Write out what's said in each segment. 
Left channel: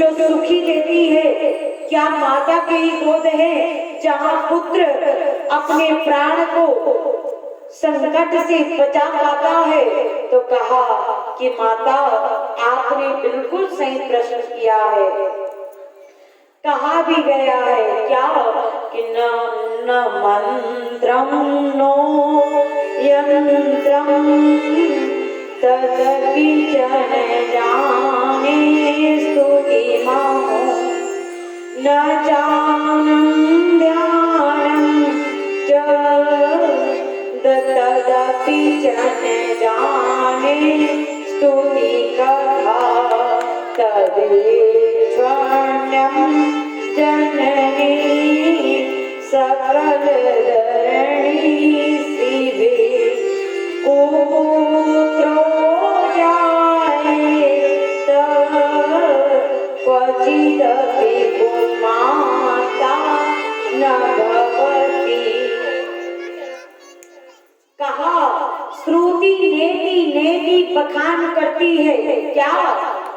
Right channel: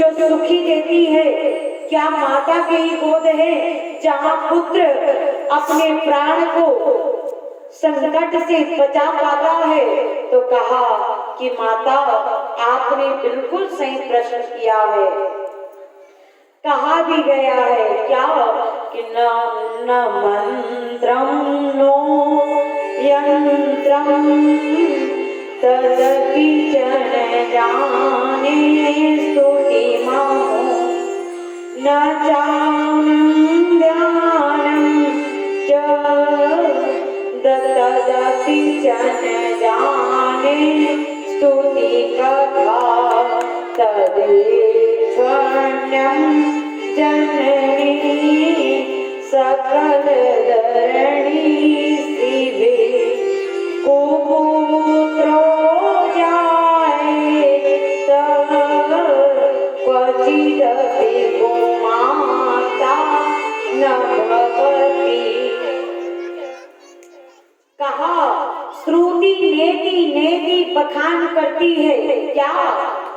जो सुखी देती है, क्या माता की ही गोद है जहाँ पुत्र अपने प्राण को संकट से बचा पाता है। तो कहा कि माता आपने बिल्कुल सही प्रश्न किया है। कहा भी गया है क्या कि न मंत्रम नो यंत्रम तदपि जन जाने स्तुति माहो न जानम ध्यानम च तदपि जन जाने स्तुति कथा तदेश्वर्यं जननी सकल धरणी शिवे कुपुत्रो जाए तब क्वचिदपि कुमाता न भवति। कहा श्रुति नेति नेति बखान करती है क्या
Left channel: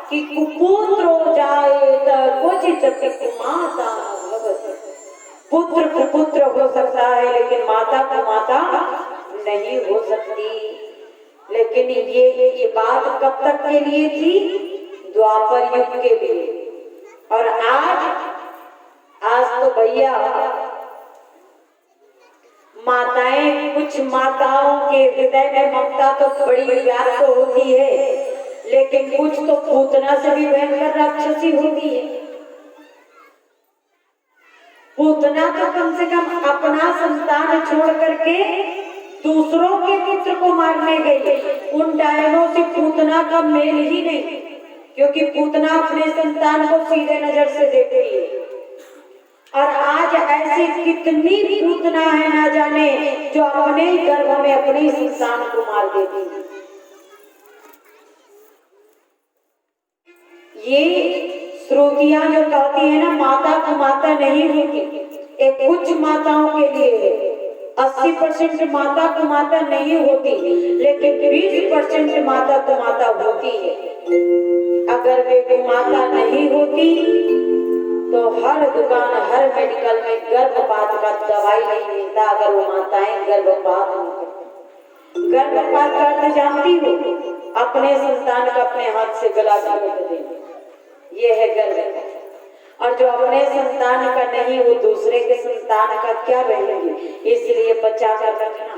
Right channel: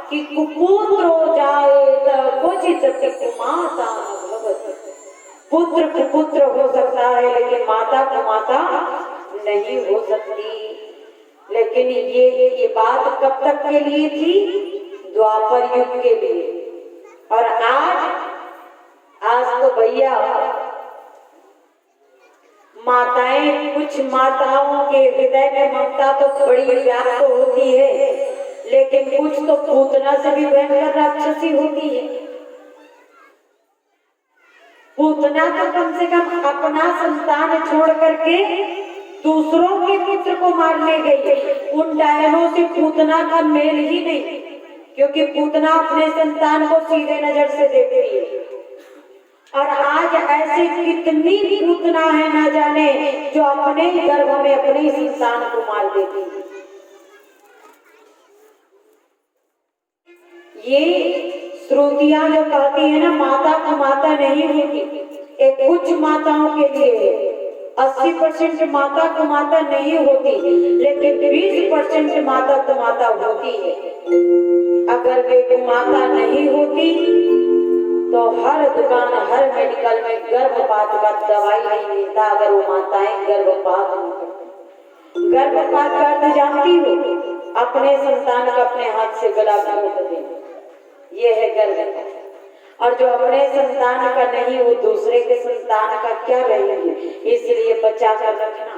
कि कुपुत्र हो जाए तो क्वचिदपि कुमाता न भवति। पुत्र कुपुत्र हो सकता है लेकिन माता कुमाता नहीं हो सकती। लेकिन ये बात कब तक के लिए थी? द्वापर युग के लिए। और आज तो भैया माताएं, कुछ माताओं के हृदय में ममता तो बड़ी व्याप्त होती है, लेकिन कुछ तो पूतना से भी भयंकर राक्षसी होती है। पूतना तो कम से कम अपना संतान छोड़ करके दूसरों के पुत्र को मारने गई। उन डायनों से पूतना का मेल ही नहीं, क्योंकि पूतना अपने संतान को सीधे नजर से देखती है। और आज ऐसे कितनी पूतना है ना जाने जो अपने गर्भ में अपने संतान को मार देती है। ये श्रुतियां जो कहती है ना माता को माता नहीं होती, एक कुछ माताओं के लिए 80% माता को माता नहीं होती, लेकिन 20% माता को माता होती है। अगर वे को माता नहीं होती तो हर दुकान हर मेडिकल में गर्भपात का दवाई नहीं मिलता अगर वो माताएं गर्भपात नहीं करती। गर्भपात का अर्थ जानती हो? अपने संतान का अपने हाथ से गला काट देना, ये है गर्भपात। और जो अपने संतान का नहीं वो दूसरे के संतान का क्या रहेंगे। इसलिए बचा कर रखना,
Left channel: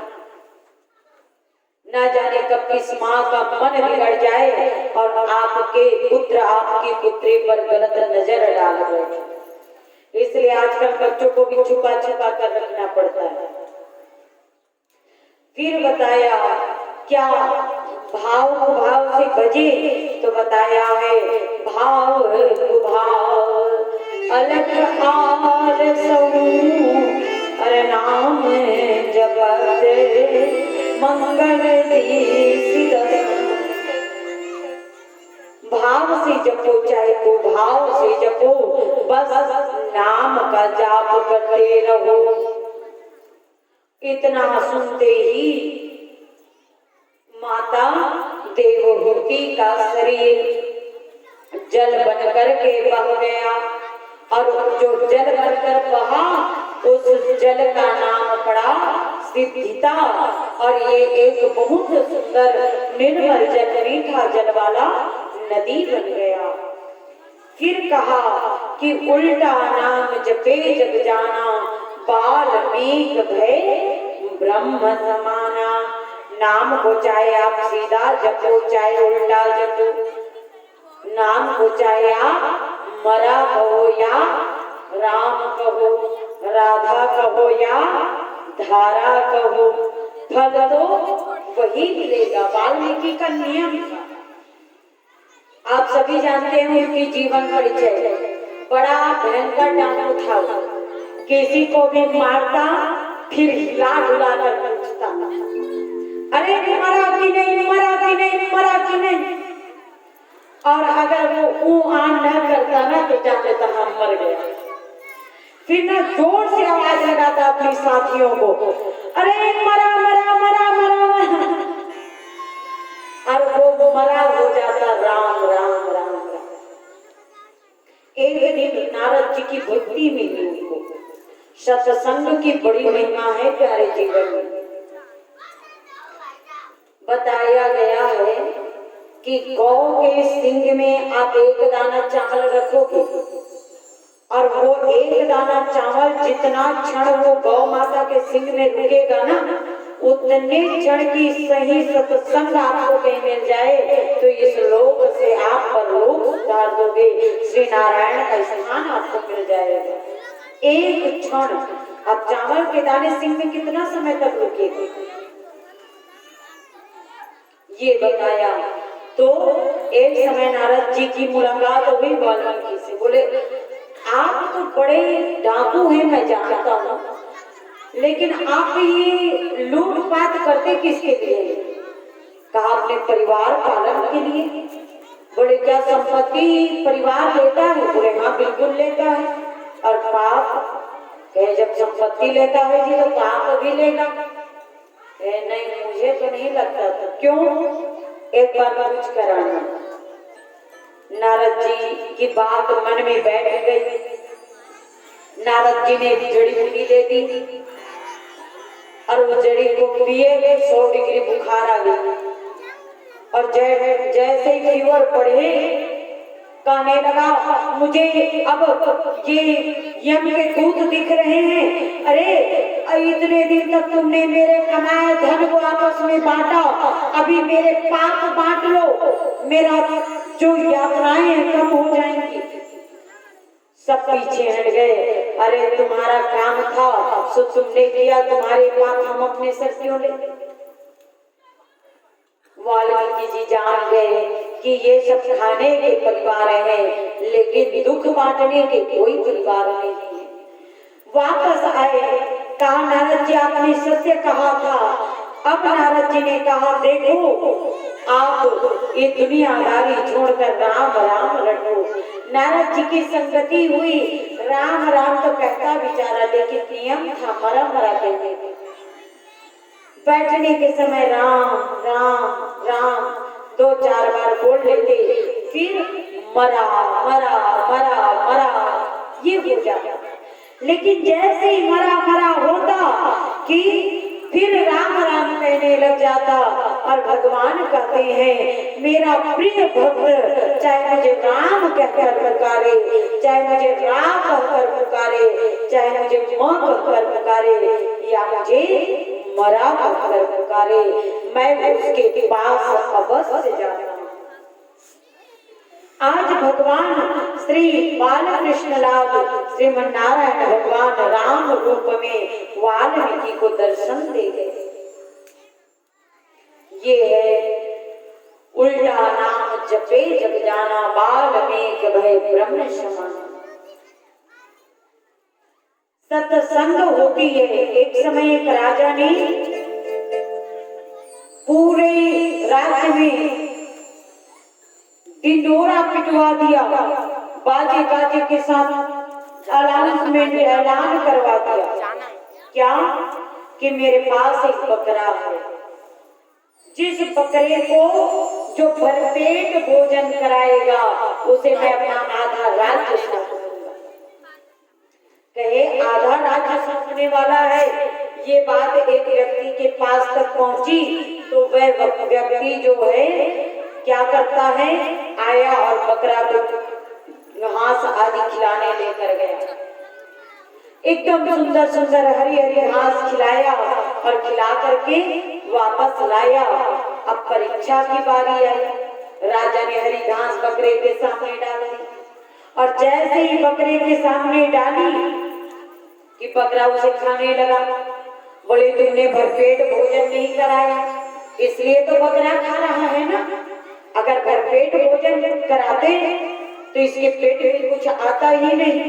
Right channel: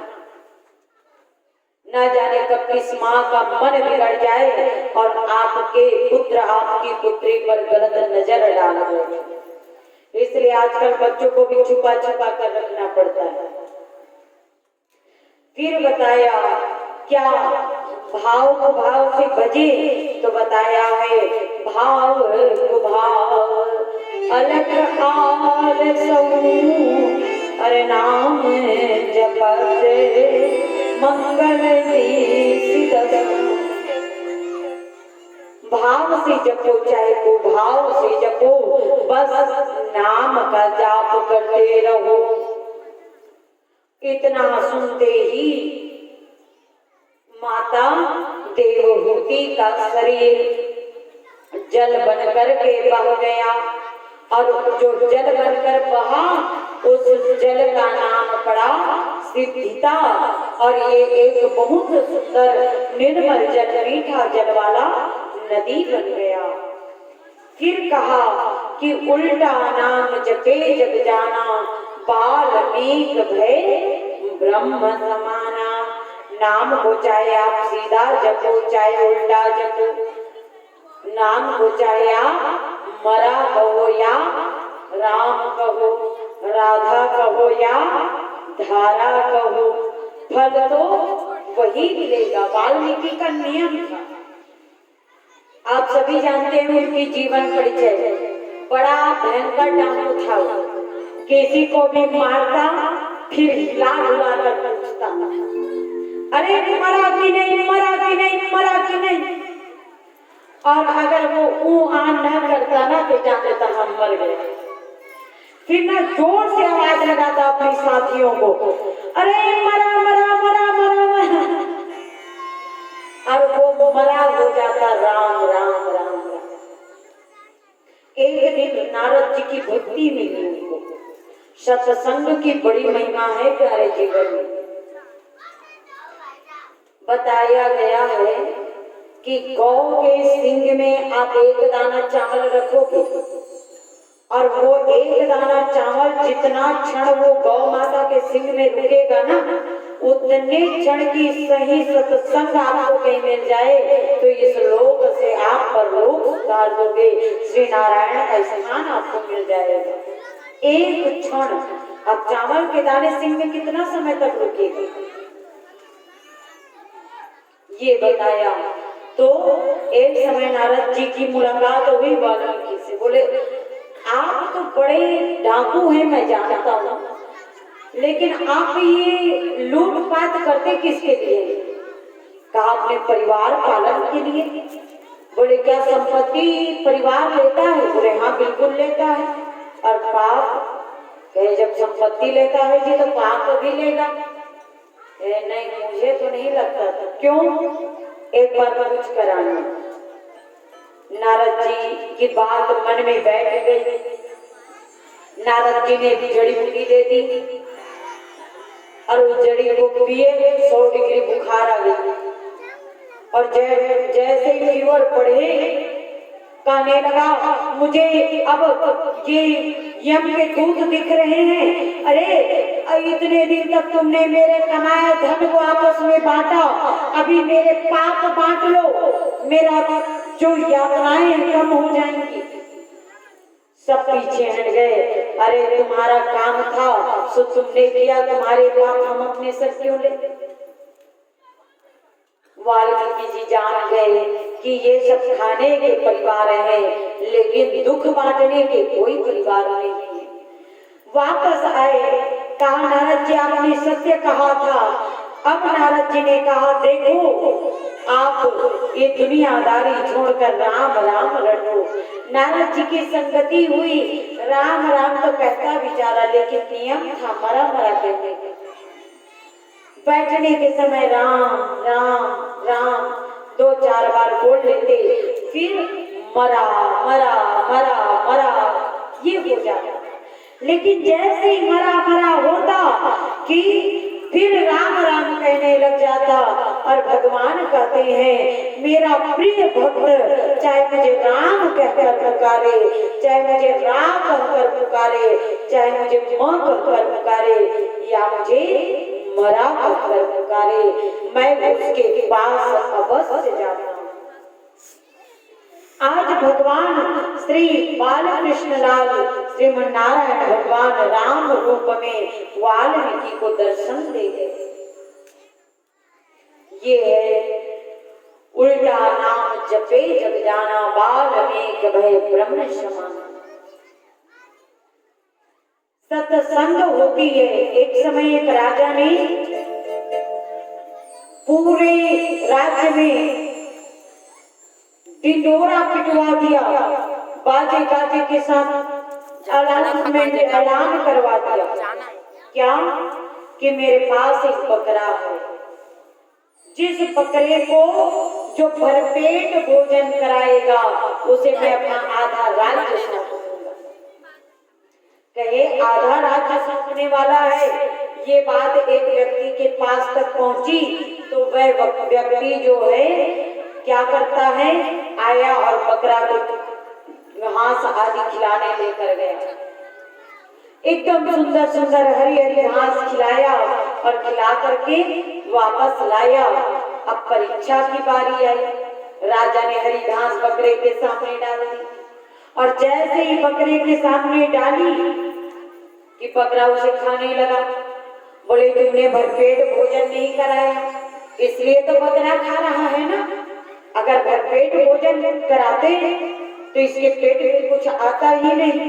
न जाने कब किस माँ का मन बिगड़ जाए और आपके पुत्र आपकी पुत्री पर गलत नजर डाल दे। इसलिए आजकल बच्चों को भी छुपा छुपा कर रखना पड़ता है। फिर बताया क्या भाव को भाव से भजे, तो बताया है भाव को भाव अलग आल सऊ अरे नाम जपत मंगल भाव से जपो, चाहे को भाव से जपो, बस नाम का जाप करते रहो। इतना सुनते ही माता देवहूति का शरीर जल बनकर के बह गया। और जो जल बनकर बहा उस जल का नाम पड़ा सिद्धिता। और ये एक बहुत सुंदर निर्मल जल, मीठा जल वाला नदी बन गया। फिर कहा कि उल्टा नाम जपे जग जाना, वाल्मीकि भय ब्रह्म समाना। नाम को चाहे आप सीधा जपो चाहे उल्टा जपो, नाम को चाहे आप मरा कहो या राम कहो, राधा कहो या धारा कहो, फल तो वही मिलेगा। वाल्मीकि का नियम था। आप सभी जानते हैं उनकी जीवन परिचय, बड़ा भयंकर डाकू था। किसी को भी मारता फिर हिला डुला कर पूछता, अरे मरा कि नहीं, मरा कि नहीं, मरा कि नहीं। और अगर वो आन न करता ना तो जाते तो हम मर गए। फिर ना जोर से आवाज लगाता अपने साथियों को, अरे मरा मरा मरा मरा मरा। और वो मरा हो जाता राम राम राम राम। जी की भक्ति मिली उनको। सत्संग की बड़ी महिमा है प्यारे जीवन में। बताया गया है कि गौ के सींग में आप एक दाना चावल रखोगे और वो एक दाना चावल जितना क्षण वो गौ माता के सींग में रुकेगा ना, उतने क्षण की सही सत्संग आपको कहीं मिल जाए तो इस लोक से आप परलोक उतार दोगे, श्री नारायण का स्थान आपको मिल जाएगा। एक क्षण। अब चावल के दाने सींग में कितना समय तक रुकेगा ये बताया। तो एक समय नारद जी की मुलाकात हुई वाल्मीकि से। बोले आप तो बड़े डाकू हैं मैं जानता हूँ, लेकिन आप ये लूटपाट करते किसके लिए? कहा अपने परिवार पालन के लिए। बोले क्या संपत्ति परिवार लेता है? बोले हाँ बिल्कुल लेता है। और पाप? कहे जब संपत्ति लेता है जी तो पाप भी लेगा। नहीं मुझे तो नहीं लगता था। क्यों? एक बार पूछ कर आना। नारद जी की बात मन में बैठ गई। नारद जी ने जड़ी बूटी दे दी और वो जड़ी को पिए गए, 100 डिग्री बुखार आ गई। और जैसे ही फीवर बढ़े कहने लगा मुझे अब ये यम के दूत दिख रहे हैं। अरे इतने दिन तक तुमने मेरे कमाए धन को आपस में बांटा, अभी मेरे पाप बांट लो, मेरा जो यात्राएं कम हो जाएंगी। सब पीछे हट गए। अरे तुम्हारा काम था सो तुमने किया, तुम्हारे पाप हम अपने सर क्यों ले? वाल्मीकि जी जान गए कि ये सब खाने के परिवार हैं, लेकिन दुख बांटने के कोई परिवार नहीं है। वापस आए, कहा नारद जी आपने सत्य कहा था। अब नारद जी ने कहा देखो आप ये दुनियादारी छोड़कर राम राम रटो। नारद जी की संगति हुई, राम राम तो कहता बेचारा, लेकिन नियम था मरा मरा कहने का। बैठने के समय राम राम राम 2-4 बार बोल लेते, फिर मरा मरा मरा मरा ये हो जाता। लेकिन जैसे ही मरा मरा होता कि फिर राम राम कहने लग जाता। और भगवान कहते हैं मेरा प्रिय भक्त चाहे मुझे राम कहकर पुकारे, चाहे मुझे राम कहकर पुकारे, चाहे मुझे मां कहकर पुकारे, या मुझे मरा कहकर पुकारे, मैं उसके पास अवश्य जाता हूँ। आज भगवान श्री बालकृष्ण लाल श्रीमन नारायण भगवान राम रूप में वाल्मीकि को दर्शन दे गए। ये है उल्टा नाम जपे जग जाना, बाल्मीक भय ब्रह्म समान। सत्संग होती है। एक समय एक राजा ने पूरे राज्य में ढिंढोरा पिटवा दिया, बाजे गाजे के साथ अनाउंसमेंट ऐलान करवा दिया। क्या? कि मेरे पास एक बकरा है, जिस बकरे को जो भरपेट भोजन कराएगा उसे मैं अपना आधा राज्य सौंपूंगा। कहे आधा राज्य सौंपने वाला है। ये बात एक व्यक्ति के पास तक पहुंची तो वह व्यक्ति जो है क्या करता है, आया और बकरा को घास आदि खिलाने लेकर गया। एकदम सुंदर सुंदर हरी हरी घास खिलाया और खिला करके वापस लाया। अब परीक्षा की बारी आई। राजा ने हरी घास बकरे के सामने डाल दी और जैसे ही बकरे के सामने डाली कि बकरा उसे खाने लगा। बोले तुमने भरपेट भोजन नहीं कराया, इसलिए तो बकरा खा रहा है ना। अगर भरपेट भोजन कराते तो इसके पेट में कुछ आता ही नहीं।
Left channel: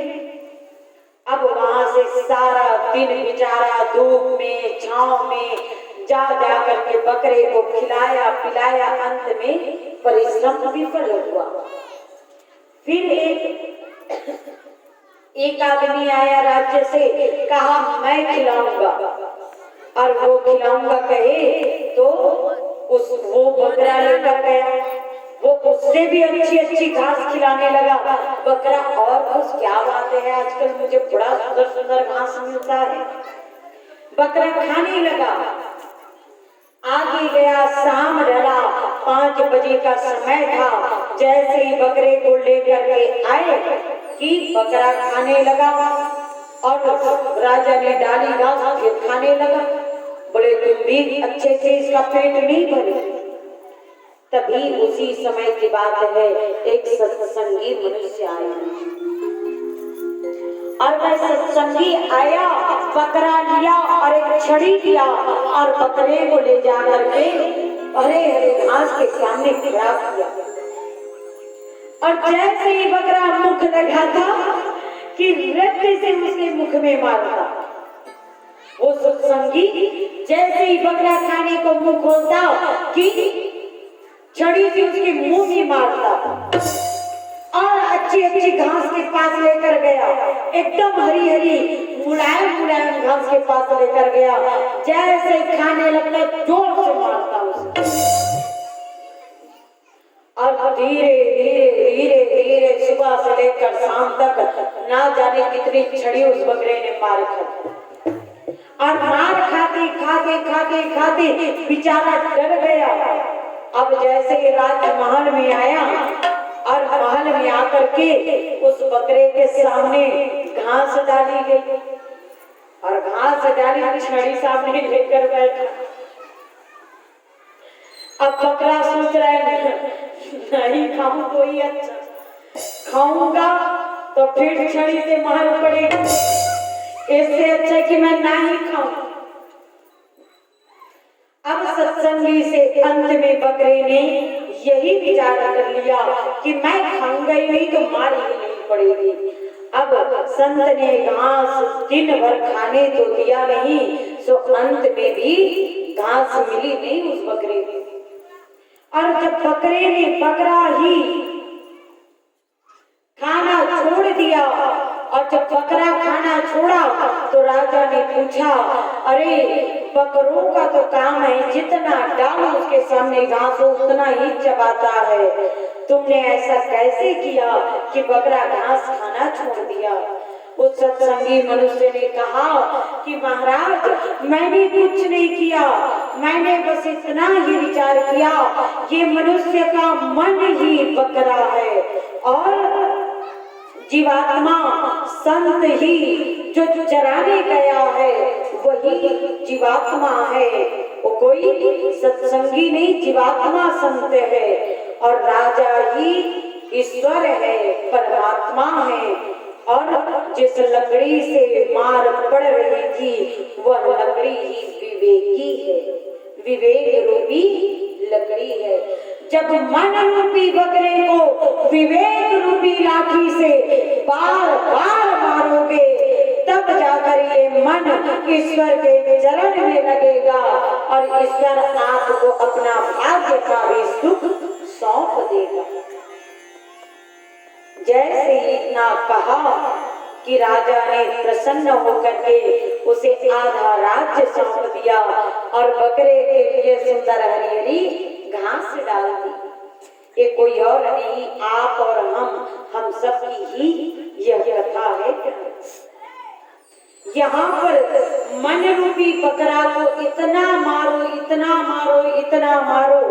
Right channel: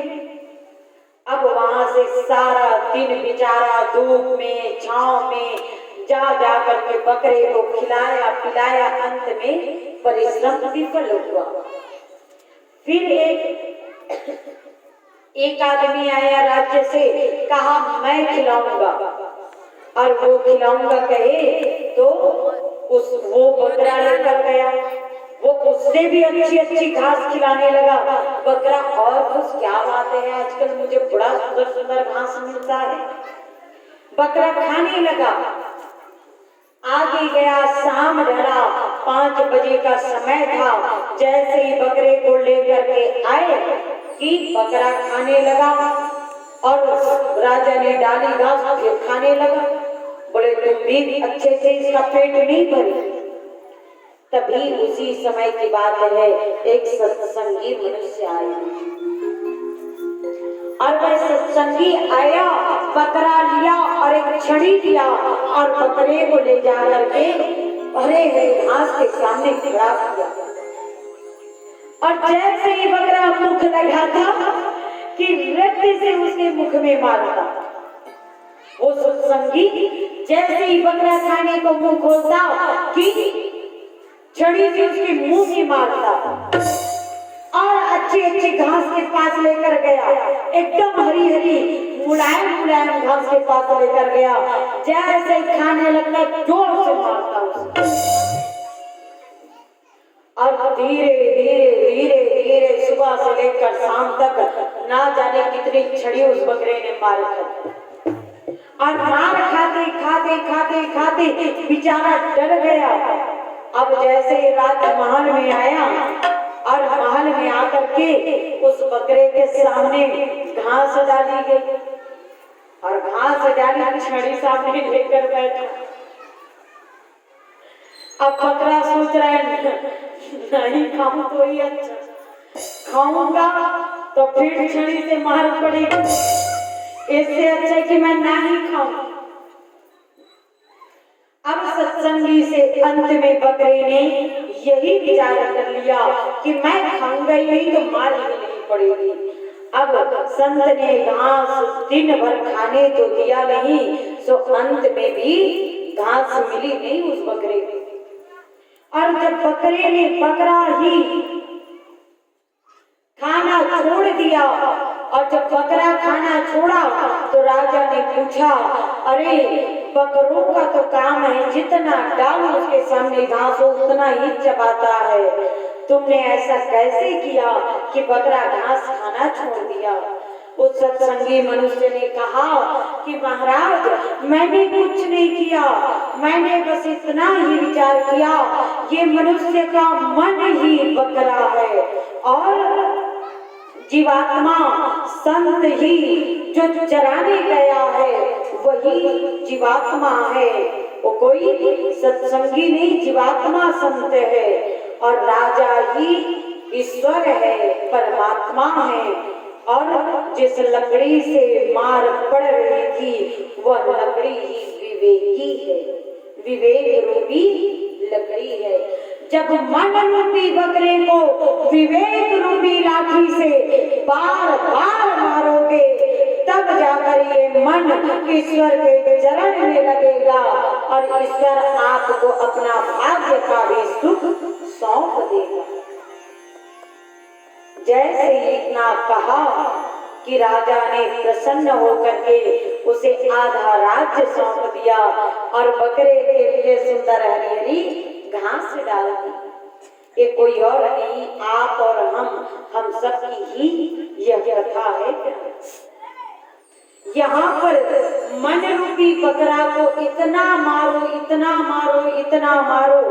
अब वहां से सारा दिन बेचारा धूप में छांव में जा जा करके बकरे को खिलाया पिलाया, अंत में परिश्रम विफल हुआ। फिर एक आदमी आया राज्य से, कहा मैं खिलाऊंगा, और वो खिलाऊंगा कहे तो वो बकरा लेकर गया। वो उससे भी अच्छी अच्छी घास खिलाने लगा बकरा। और कुछ क्या बात है, आजकल मुझे बड़ा सुंदर सुंदर घास मिलता है। बकरा खाने लगा। आगे गया, शाम ढला, 5 बजे का समय था। जैसे ही बकरे को लेकर के आए कि बकरा खाने लगा और राजा ने डाली घास फिर खाने लगा। बोले तुम भी अच्छे से इसका पेट नहीं भरे। तभी उसी समय की बात है, एक सत्संगी मनुष्य आया और वह सत्संगी आया, बकरा लिया और एक छड़ी लिया और बकरे को ले जा करके हरे हरे घास के सामने खड़ा किया। और जैसे ही बकरा मुख लगा था कि रत्ती से उसके मुख में मारता। वो सत्संगी जैसे ही बकरा खाने को मुंह खोलता कि छड़ी से उसके मुंह में मारता और अच्छी अच्छी घास के पास लेकर गया, एकदम हरी हरी मुलायम मुलायम घास के पास लेकर गया। जैसे खाने लगता जोर से मारता उसे और धीरे धीरे धीरे धीरे सुबह से लेकर शाम तक ना जाने कितनी छड़ी उस बकरे ने मार खाई। और मार खाते खाते खाते खाते बेचारा डर गया। अब जैसे ही राजमहल में आया और महल में आकर के उस बकरे के सामने घास डाली गई और घास डाली छड़ी सामने लेकर बैठा। अब बकरा सोच रहा है नहीं खाऊं तो ही अच्छा, खाऊंगा तो फिर छड़ी से मार पड़ेगी, इससे अच्छा है कि मैं ना ही खाऊं। अब सत्संगी से अंत में बकरे ने यही विचार कर लिया कि मैं खाऊंगा ही नहीं तो मार ही नहीं पड़ेगी। अब संत ने घास दिन भर खाने तो दिया नहीं, सो अंत में भी घास मिली नहीं उस बकरे को। और जब बकरे ने बकरा ही खाना छोड़ दिया और जब बकरा खाना छोड़ा तो राजा ने पूछा, अरे बकरों का तो काम है जितना डालो उसके सामने घास हो उतना ही चबाता है, तुमने ऐसा कैसे किया कि बकरा घास खाना छोड़ दिया? उस सत्संगी मनुष्य ने कहा कि महाराज मैंने कुछ नहीं किया, मैंने बस इतना ही विचार किया ये मनुष्य का मन ही बकरा है और जीवात्मा संत ही जो चराने गया है वही जीवात्मा है। वो कोई सत्संगी नहीं, जीवात्मा संत है और राजा ही ईश्वर है, परमात्मा है। और जिस लकड़ी से मार पड़ रही थी वह लकड़ी ही विवेकी है, विवेक रूपी लकड़ी है। जब मन रूपी बकरे को विवेक रूपी लाठी से बार बार मारोगे तब जाकर ये मन ईश्वर के चरण में लगेगा और ईश्वर आपको अपना भाग्य का भी सुख सौंप देगा। जैसे इतना कहा कि राजा ने प्रसन्न होकर के उसे आधा राज्य सौंप दिया और बकरे के लिए सुंदर हरी हरी घास डाल दी। ये कोई और नहीं, आप और हम सब की ही यह कथा है। यहाँ पर मन रूपी बकरा को इतना मारो इतना मारो इतना मारो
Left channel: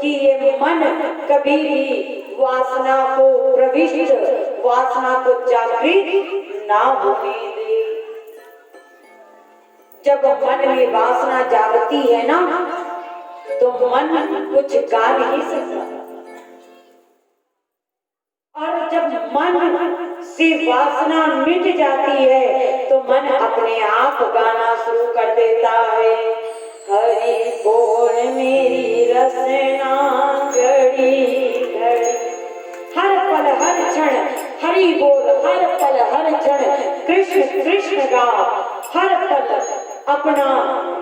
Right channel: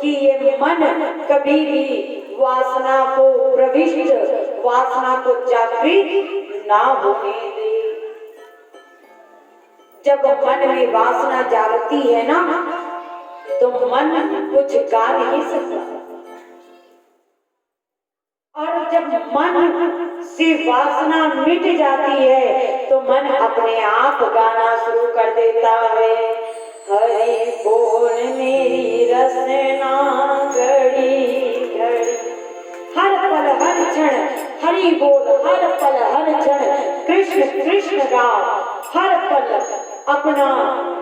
कि ये मन कभी भी वासना को प्रविष्ट, वासना को जागृत ना होने दे। जब मन में वासना जागती है ना तो मन कुछ गा नहीं सकता और जब मन से वासना मिट जाती है तो मन अपने आप गाना शुरू कर देता है। हरि बोल मेरी रसना घड़ी घड़ी, हर पल हर क्षण हरि बोल, हर पल हर क्षण कृष्ण कृष्ण गा, हर पल अपना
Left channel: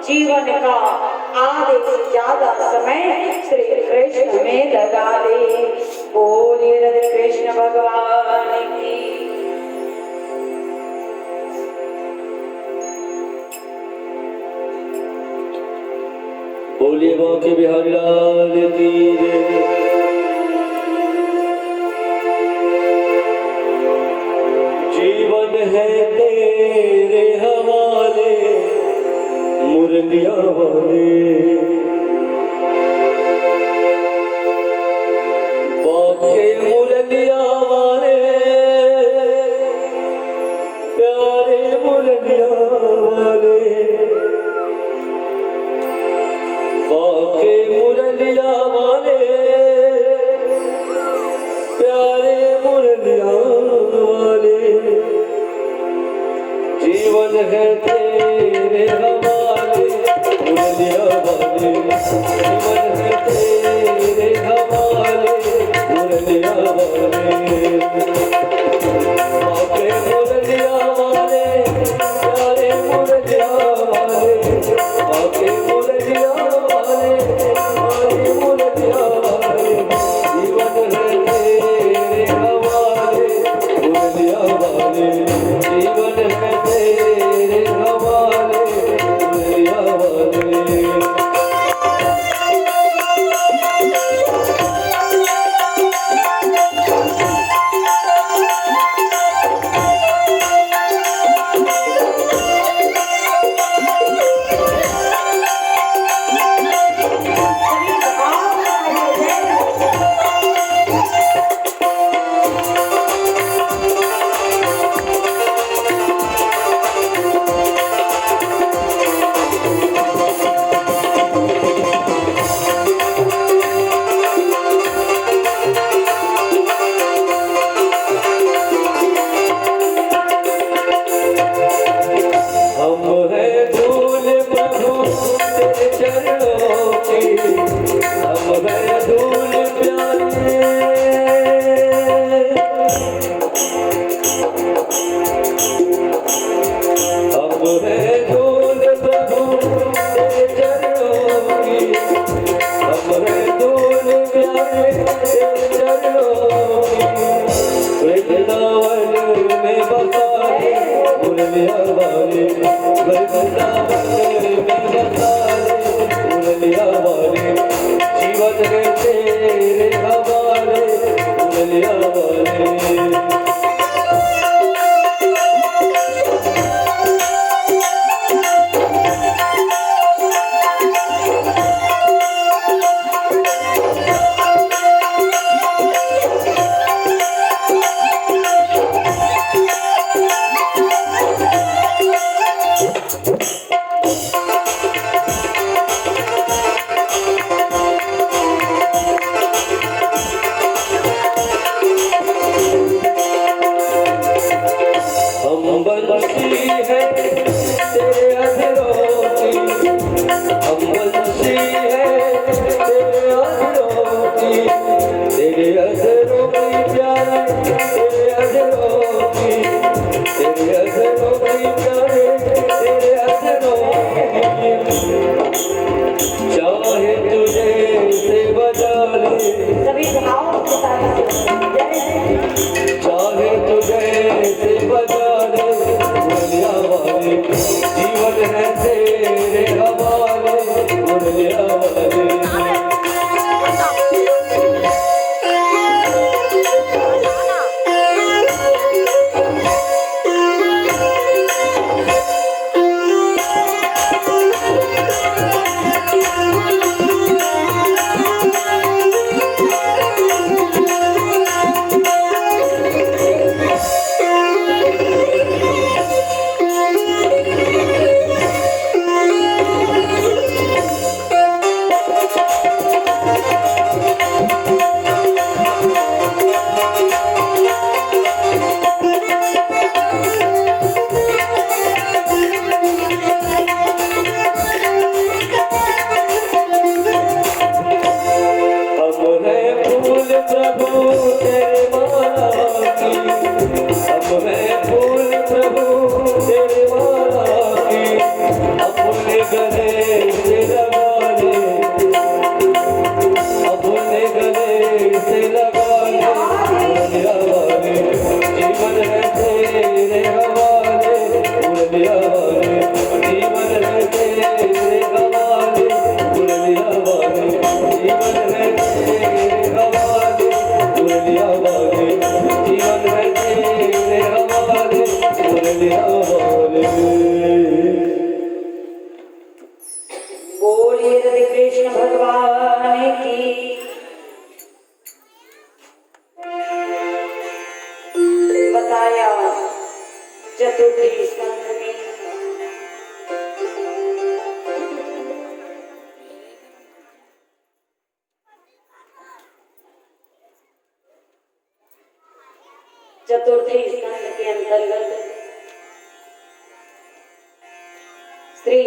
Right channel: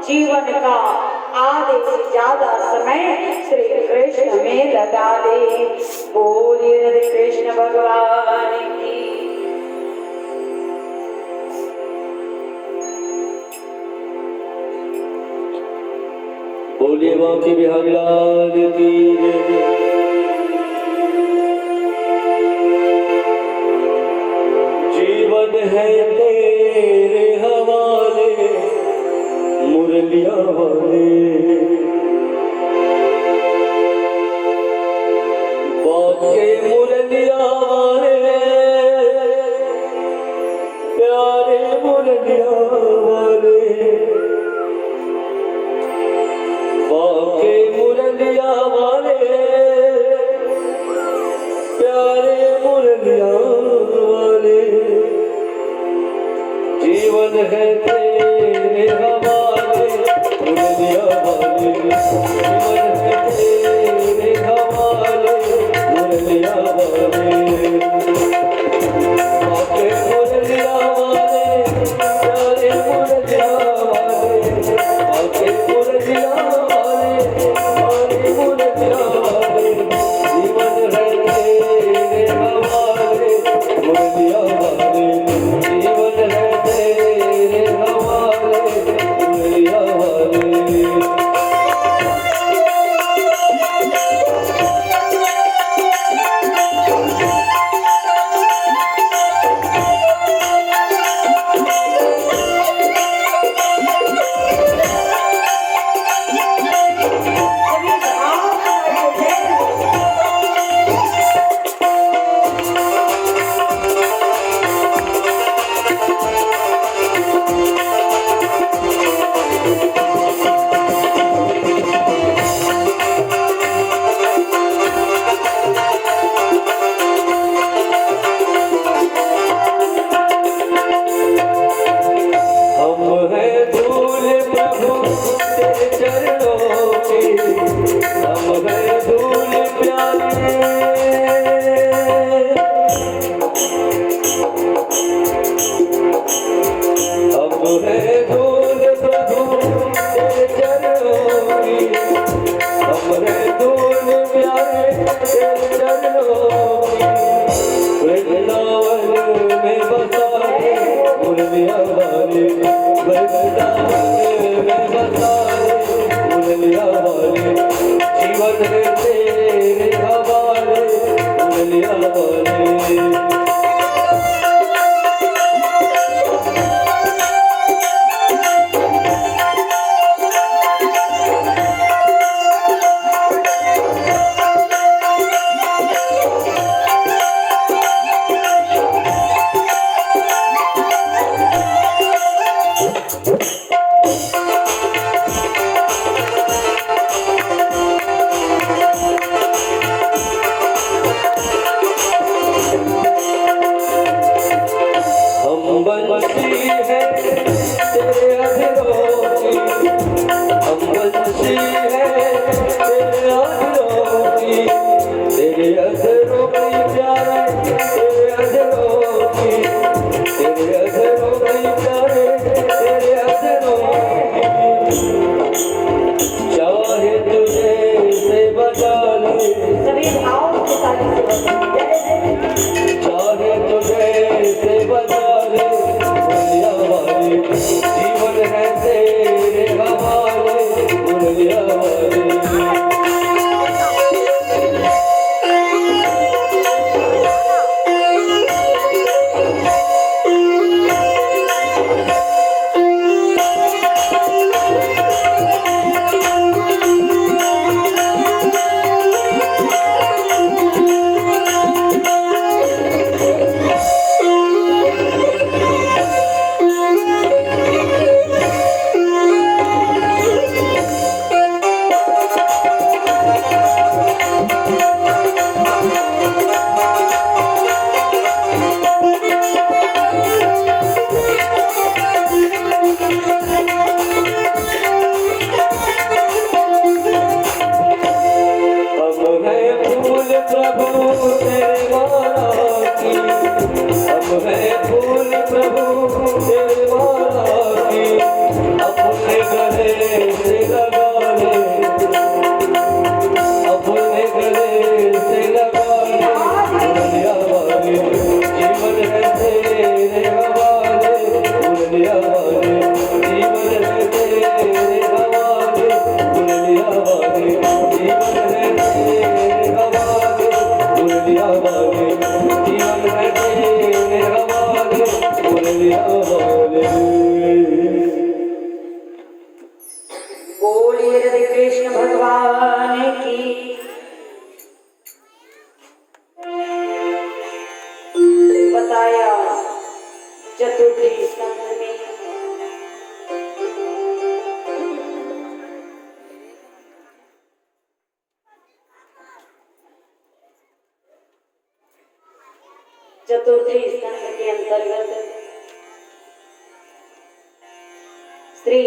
जीवन का आधे से ज्यादा समय श्री कृष्ण में लगा दे। बोले राधे कृष्ण भगवान की। बोले बांके बिहारी लाल की। है तेरे हवाले मुरलिया वाले, बाके मुरलिया वाले, प्यारे मुरलिया वाले, बाके मुरलिया वाले, प्यारे मुरलिया वाले, जीवन है तेरे हवाले मुरलिया वाले, जीवन है तेरे हवाले मुरलिया वाले, बाके मुरलिया वाले, प्यारे मुरलिया वाले, बाके मुरलिया वाले, प्यारे मुरलिया वाले, जीवन है तेरे हवाले मुरलिया वाले, जीवन है तेरे हवाले मुरलिया वाले। हम हैं धूल प्रभु तेरे चरणों की, हम हैं धूल प्यारे, हम हैं धूल प्रभु तेरे चरणों की, हम हैं धूल प्यारे तेरे चरणों की, वृंदावन में बसा है मुरलिया वाले, वृंदावन में बसा है मुरलिया वाले, जीवन है तेरे हवाले मुरलिया वाले। हम बंसी है तेरे अधरों की, हम बंसी है तेरे अधरों की, तेरे अधरों की प्यारे, तेरे अधरों की, तेरे अधरों की प्यारे, तेरे अधरों की, चाहे तुझे से बजा ले, सभी भावों के साथ चाहे तुझे से बजा ले मुरलिया वाले, जीवन है तेरे हवाले मुरलिया वाले। हम हैं फूल प्रभु तेरे माला की, हम हैं फूल प्रभु तेरे माला की, अपने गले से लगा ले, अपने गले से लगा ले मुरलिया वाले, जीवन है तेरे हवाले मुरलिया वाले, जीवन है तेरे हवाले मुरलिया वाले, जीवन है तेरे हवाले मुरलिया वाले, जीवन है तेरे हवाले चतुर्थी स्कंध में चतुर्थी स्कंध के अंतर्गत श्री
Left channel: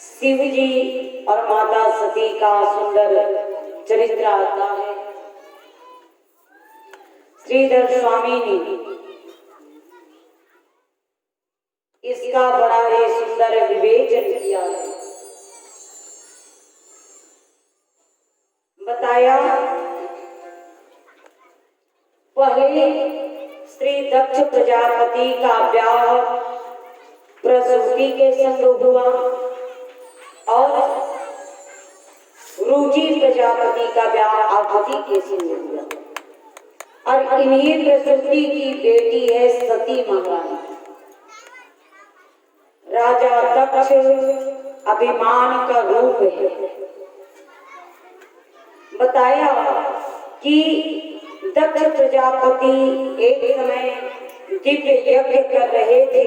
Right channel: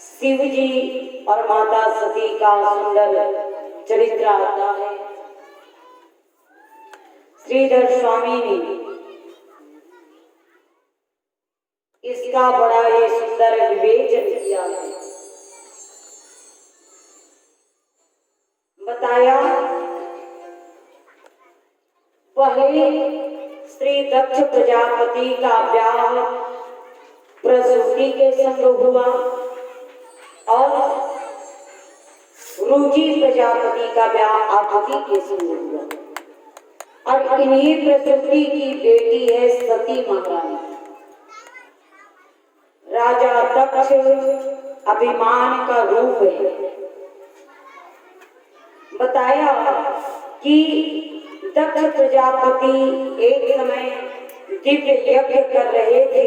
शिव जी और माता सती का सुंदर चरित्र आता है। श्रीधर स्वामी ने इसका बड़ा ही सुंदर विवेचन किया है। बताया पहले श्री दक्ष प्रजापति का ब्याह प्रसूति के संग हुआ और रुचि प्रजापति का ब्याह आकृति के संग हुआ और इन्हीं प्रसूति की बेटी है सती महारानी। राजा दक्ष अभिमान का रूप है। बताया कि दक्ष प्रजापति एक समय दिव्य यज्ञ कर रहे थे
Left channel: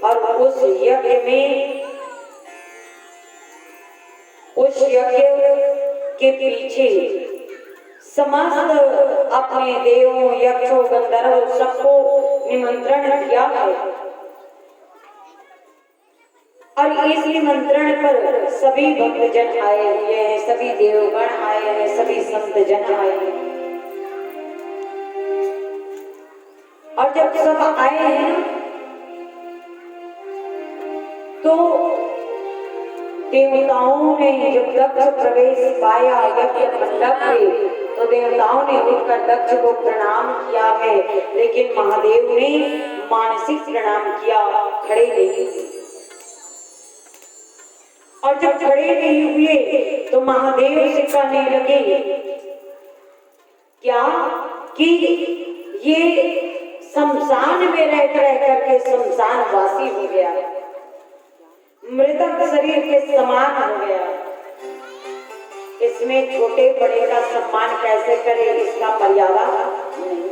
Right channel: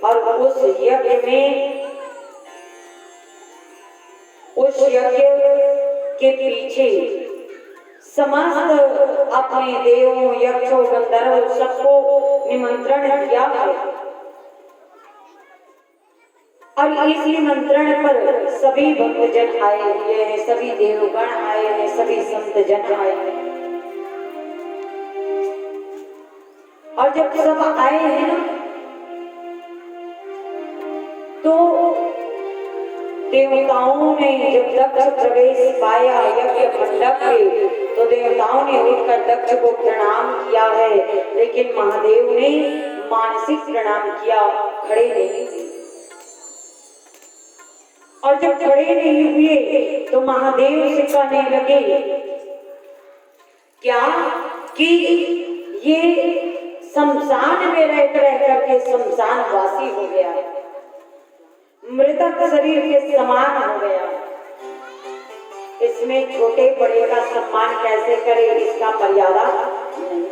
और उस यज्ञ के पीछे समस्त अपने देवों यक्षों गंधर्वों सबको निमंत्रण दिया है और इस निमंत्रण पर सभी भक्तजन आए हुए हैं, सभी देवगण आए हैं, सभी संत जन आए हैं। और जब सब आए हैं ना तो देवताओं ने जब दक्ष प्रवेश पाया यज्ञ मंडप में तो देवताओं ने उठकर दक्ष को प्रणाम किया है, लेकिन महादेव ने मानसिक प्रणाम किया, खड़े नहीं हुए। और जब खड़े नहीं हुए तो महादेव से कहने लगे क्या कि ये शमशान में रह करके शमशान वासी हो गया, मृतक शरीर के समान हो गया, इसमें छोटे बड़े का सम्मान कैसे करे, इसका मर्यादा नहीं।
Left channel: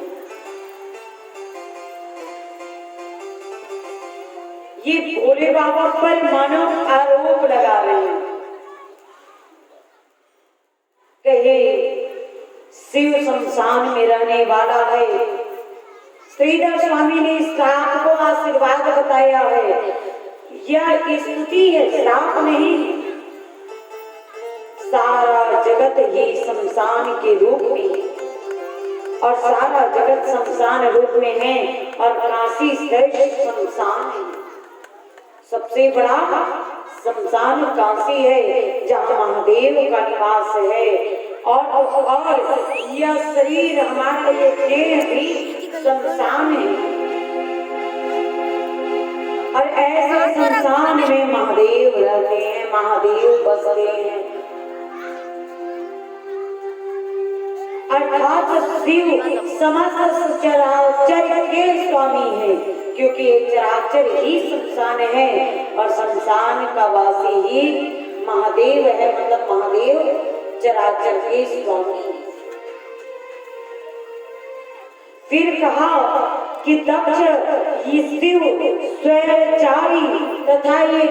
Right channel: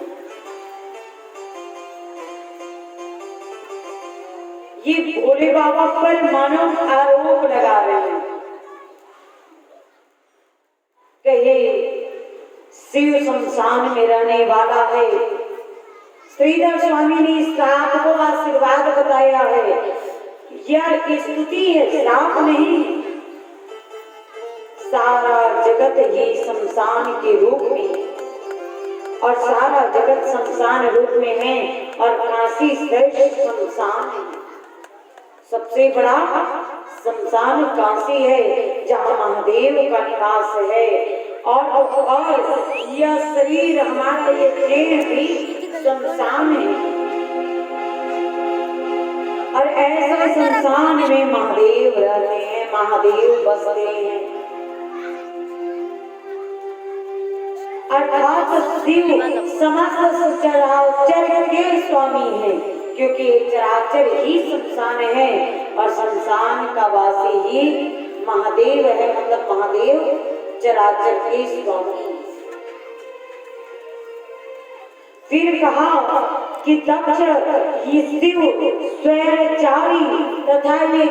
ये भोले बाबा पर मानो आरोप लगा रहे हैं। कहे शिव शमशान में रहने वाला है। श्रीधर स्वामी ने इस श्राप को आशीर्वाद बताया है। यह स्तुति है, श्राप नहीं। सारा जगत ही शमशान के रूप में और सारा जगत शमशान रूप में है और काशी श्रेष्ठ शमशान है। सबसे बड़ा शमशान काशी है जहाँ महादेव का निवास है और यह शरीर हमारा ये देह भी शमशान है और ऐसे शमशान में महादेव रहते हैं, महादेव बसते हैं। अर्थात शिव समस्त चराचर के स्वामी है, क्योंकि चराचर ही शमशान है और शमशान का वासी ही महादेव है, मतलब महादेव चराचर के स्वामी। फिर कहा कि दक्ष ये शिव स्वैरचारी तथा ये